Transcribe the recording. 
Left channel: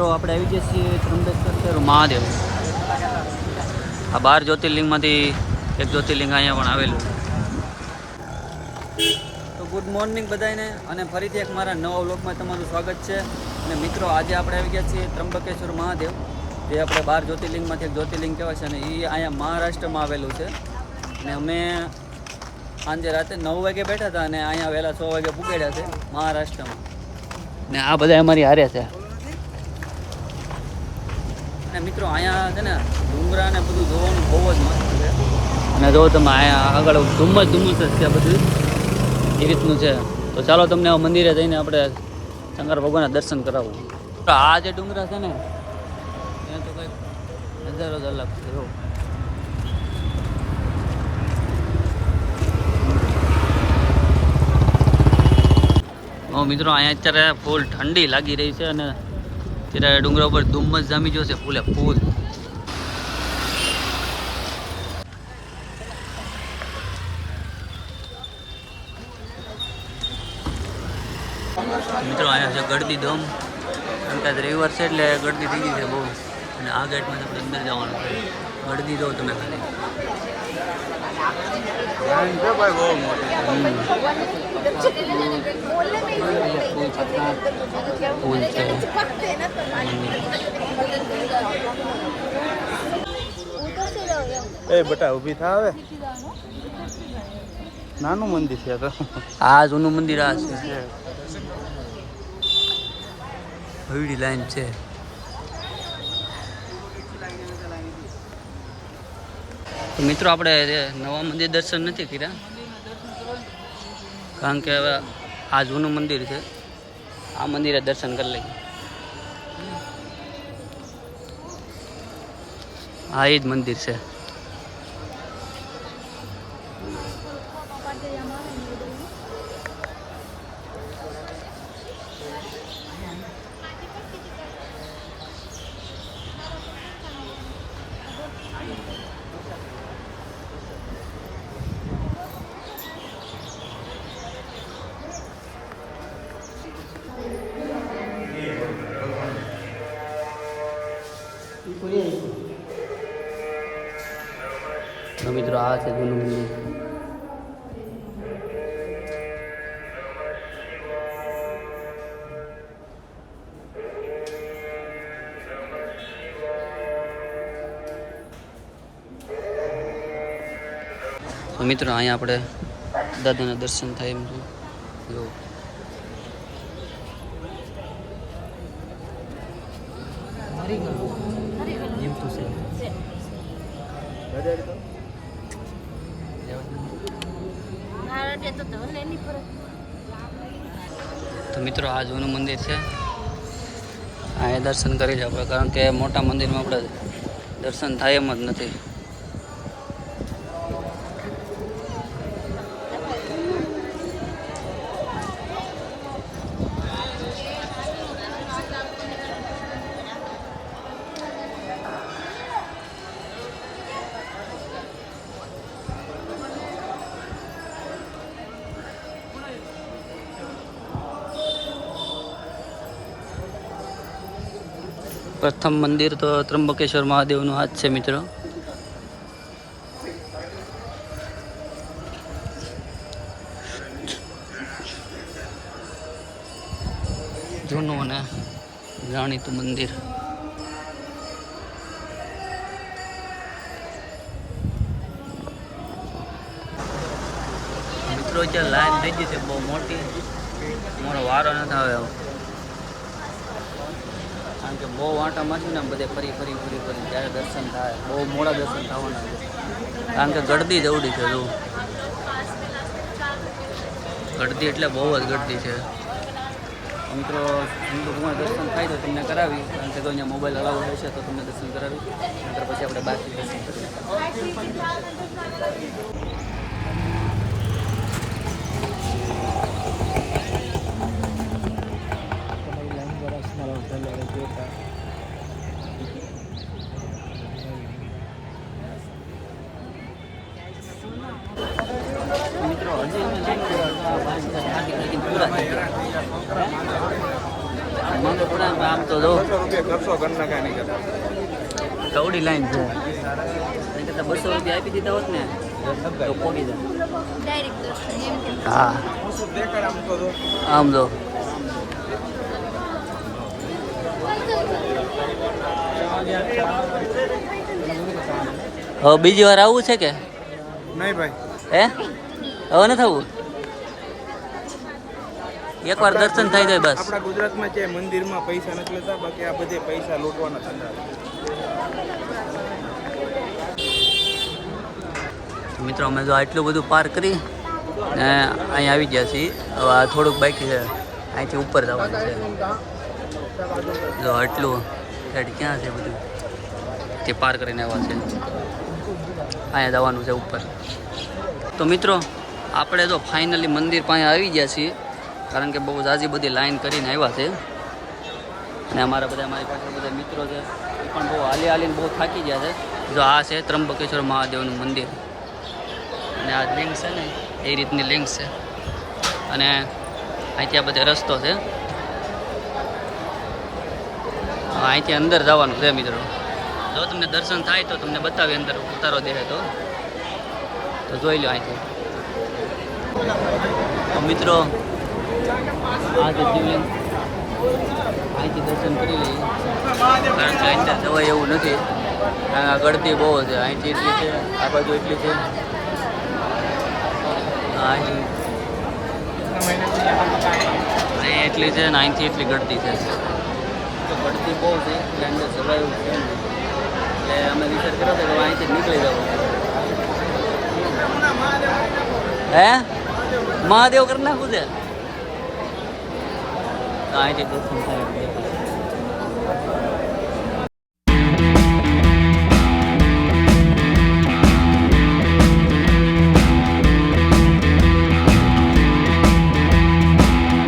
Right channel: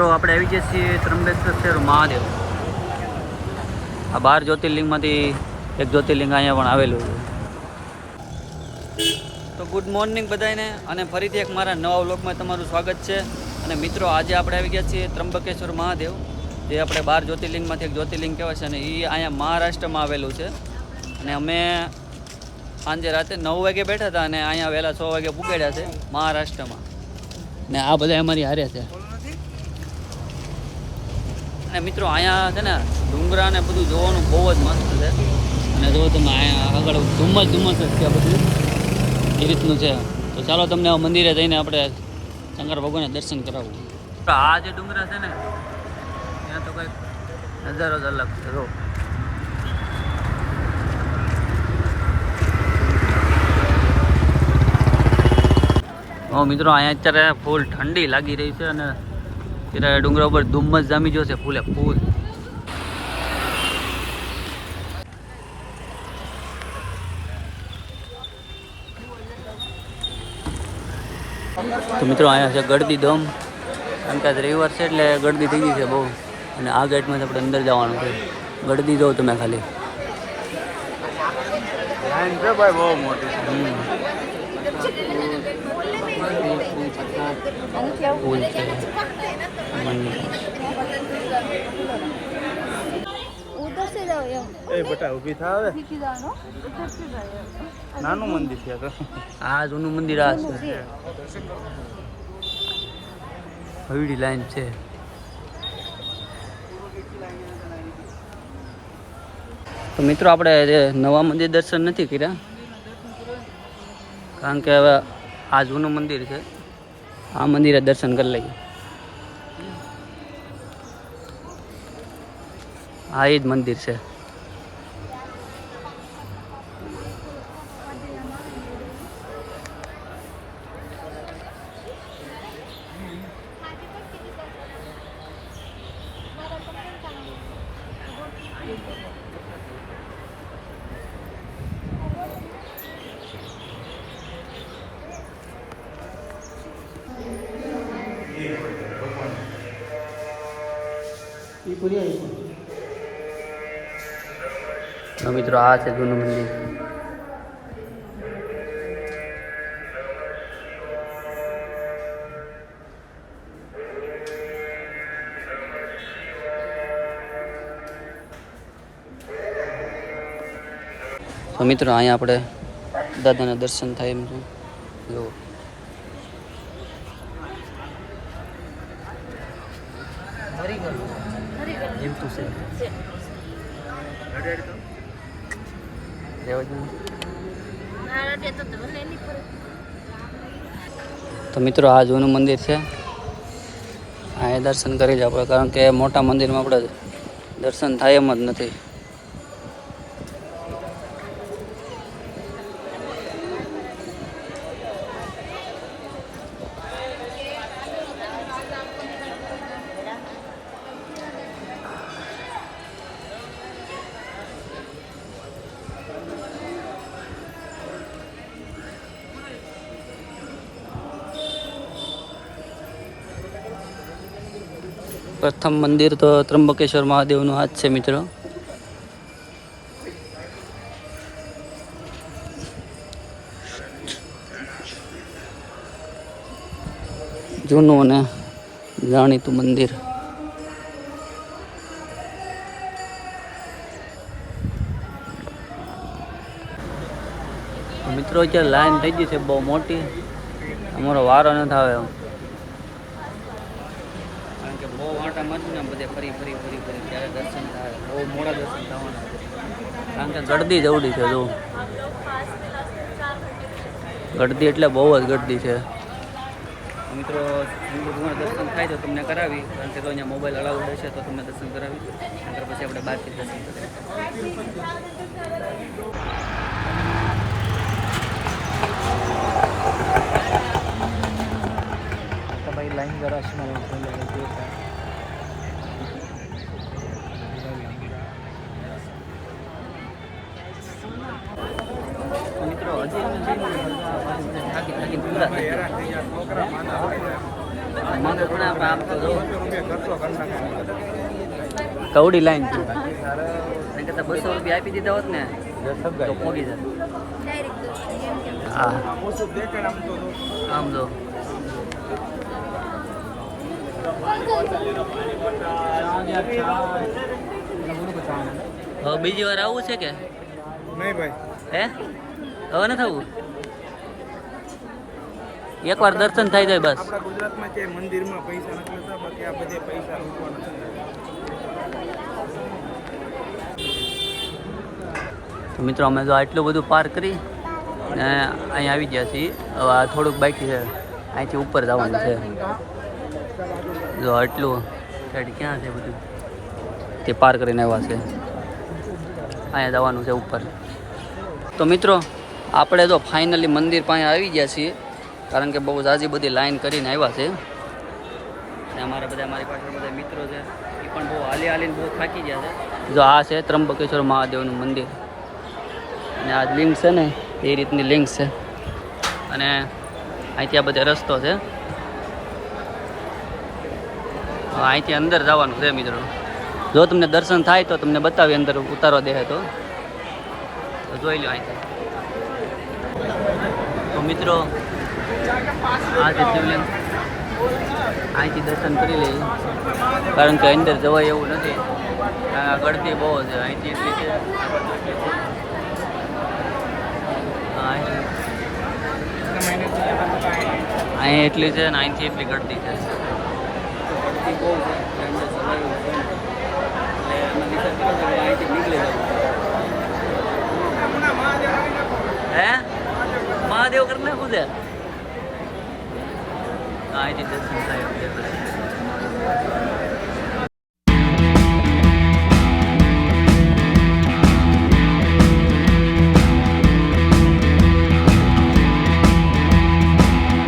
મિત્રો આપણે આવી ગયા છીએ ત્રંબકેશ્વર મહાદેવ. આ 12 જ્યોતિર્લિંગમાંથી એક જ્યોતિર્લિંગ અહીંયા પણ આવેલું છે. તો ગુડ મોર્નિંગ બધાને, અને ફરીથી એક મારા નવા વ્લોગમાં તમારું સ્વાગત છે. અને મિત્રો આજે આપણે આવી ગયા છીએ ત્રંબકેશ્વર મહાદેવ, જે આપણે 12 જ્યોતિર્લિંગમાંથી એક જ્યોતિર્લિંગ કહેવાય છે. અને એ અહીંયા મહારાષ્ટ્રમાં આવેલું છે. અને અમે સાંજે રાતે 9 વાગે બેઠા હતા અને અહીંયા વહેલા 6 વાગે પૂગાડ્યા છે મહારાષ્ટ્રમાં. ને આ બધા અમારી હારે છે. અને મિત્રો અહીંયા છે ને ડુંગરા ને બધું જોવાનું બહુ જ મસ્ત છે. અને જો તમે અહીંયા આગળ ધુમ્મસ જ છે બધું, એ રીતનું છે. તો ચાલો તમને મંદિરે જઈને આપણે શંકર ભગવાનના દર્શન કરાવવું. તો આ જે ડુંગરા છે ને ત્યાં તો કંઈક નજારો જ અલગ છે. જો મિત્રો અહીંયા અત્યારે ફૂલ ઠંડી લાગી રહી છે અને ત્યારે ડુંગરા ઉપર ધુમ્મસ જામી ગયો છે ફૂલે ફૂલ. તો મિત્રો અહીંયા છે ગળદી દમ, કારણ કે આજ રવિવાર છે એટલે ગળદી થઈ ગઈ છે બહુ. અને આ ગેટમાં આપણે અંદર જવાનું છે. ગળદી જો તમે ખાલી ફૂલ છે મંદિર. બટા ઊભી થાવે નાનું મંદિર છે. આ જૂનું મંદિર આ છે, હવેડી લાઈન છે. તો મિત્રો આપણે નવા મંદિર દર્શન નથી કર્યા, કારણ કે હવે આ જૂનું મંદિર છે. આ મંદિરે દર્શન કરી લઈએ. આ એ જ મંદિર છે. મિત્રો આ છે જૂનું મંદિર. તો મિત્રો અહીંયા આપણે દાદાના દર્શન થાય એમ છે. જો તો મિત્રો આ જૂનું મંદિર છે. અહીંયા દર્શન કરી જ આપણે, કારણ કે મોટા મંદિરમાં આપણે દર્શન થાય એમ જ નથી. પ્રથમ મંદિર તો ત્રંબકેશ્વર મહાદેવનું હાથ છે મિત્રો. જૂનું અને જાણીતું મંદિર. મિત્રો અત્યારે લાઈન થઈ ગઈ છે બહુ મોટી, મારો વારો નથી આવે એમ, કારણ કે બહુ વાંટા મારશું ને બધે ફરી ત્યારે દર્શન થાય. બહુ મોડા દર્શન થવાના છે, કારણ કે ગળદી જવડી છે. જો ગળદી એટલે બહુ જ ગળદી છે. મિત્રો શંકર ભગવાન દર્શન થાય તો તમને કરાવી, કારણ કે જો અહીંયા મોબાઈલ અલાઉડ હશે તો તમને દર્શન કરાવી. નંતર પછી આપણે બહારથી દર્શન કરીએ. લાઈન જરા મિત્રો હજી અમે લાઈન પૂરા થઈ ગયા. મને પણ આમ તો જો ₹100 કરી નાખ્યા નહીં. કવડી લાઈન છે એના કરતાં 200 રૂપિયા આપી દીધા હોત ને તો પોગી જાય. ડાયરેક્ટ દર્શન એમ કે હા ઓછું દેખાડ આમ તો જો. આમ જો હવે બીજી વાર આવવું છે કે નહીં ભાઈ, હે હવે ન થવું એકવાર દર્શન થઈ જાય બસ. આપણા ગુજરાતમાં છે મંદિરમાં પૈસા નથી લેતા, બાકી આ બધે પૈસા લૂંટવાના છે. તો મિત્રો અમે જો આટલું બધું પાર કરી ને અહીં આવી ગયા છીએ. હવે આ થોડુંક બાકી છે, અહીંથી ઉપર જવાનું છે. જો આટલું સાઈડ ક્યાં છે બધું તે પાર કરીને આવ્યા છે. અહીંયા જવાનું છે ઉપર. તો મિત્રો આપણે તો ફાઇનલી મંદિર પાસે આવી ગયા છીએ, કારણ કે બહુ ઝાઝી બધી લાઈન કરીને આવ્યા છે. અને અમારી પાછળ બધા મિત્રો છે, એ પણ બહુ હાલીને બહુ થાકી ગયા છે. જો આ છે ત્રંબકેશ્વર મહાદેવનું મંદિર, અને આ લિંક છે ને એ રીતની લિંક છે. અને અહીંથી આ બધે રસ્તો છે, અહીંથી અંદર જવાનું છે મિત્રો. જો તમને દર્શન થાય તો તમને બતાવી અંદર ઉતારો દે તો જોઈ લો અહીંથી. તો મિત્રો આ છે શિવલિંગ, અહીંથી દર્શન કરી લઈએ, કારણ કે અંદર જવાય એવું નથી, કારણ કે આ ગળતી બહુ છે. અહીંથી એટલી છે, આ બાજુ એટલી છે, અહીં એટલી છે ને અહીંથી એટલી ગળતી છે. તો ગળતી બહુ છે એટલે અંદર જવાય એવું છે ને, એટલે અમે વિચાર કર્યો કે અહીંથી નીકળી જવું. હે મહાદેવ કરી નાખું છે, અહીંથી દર્શન થાય.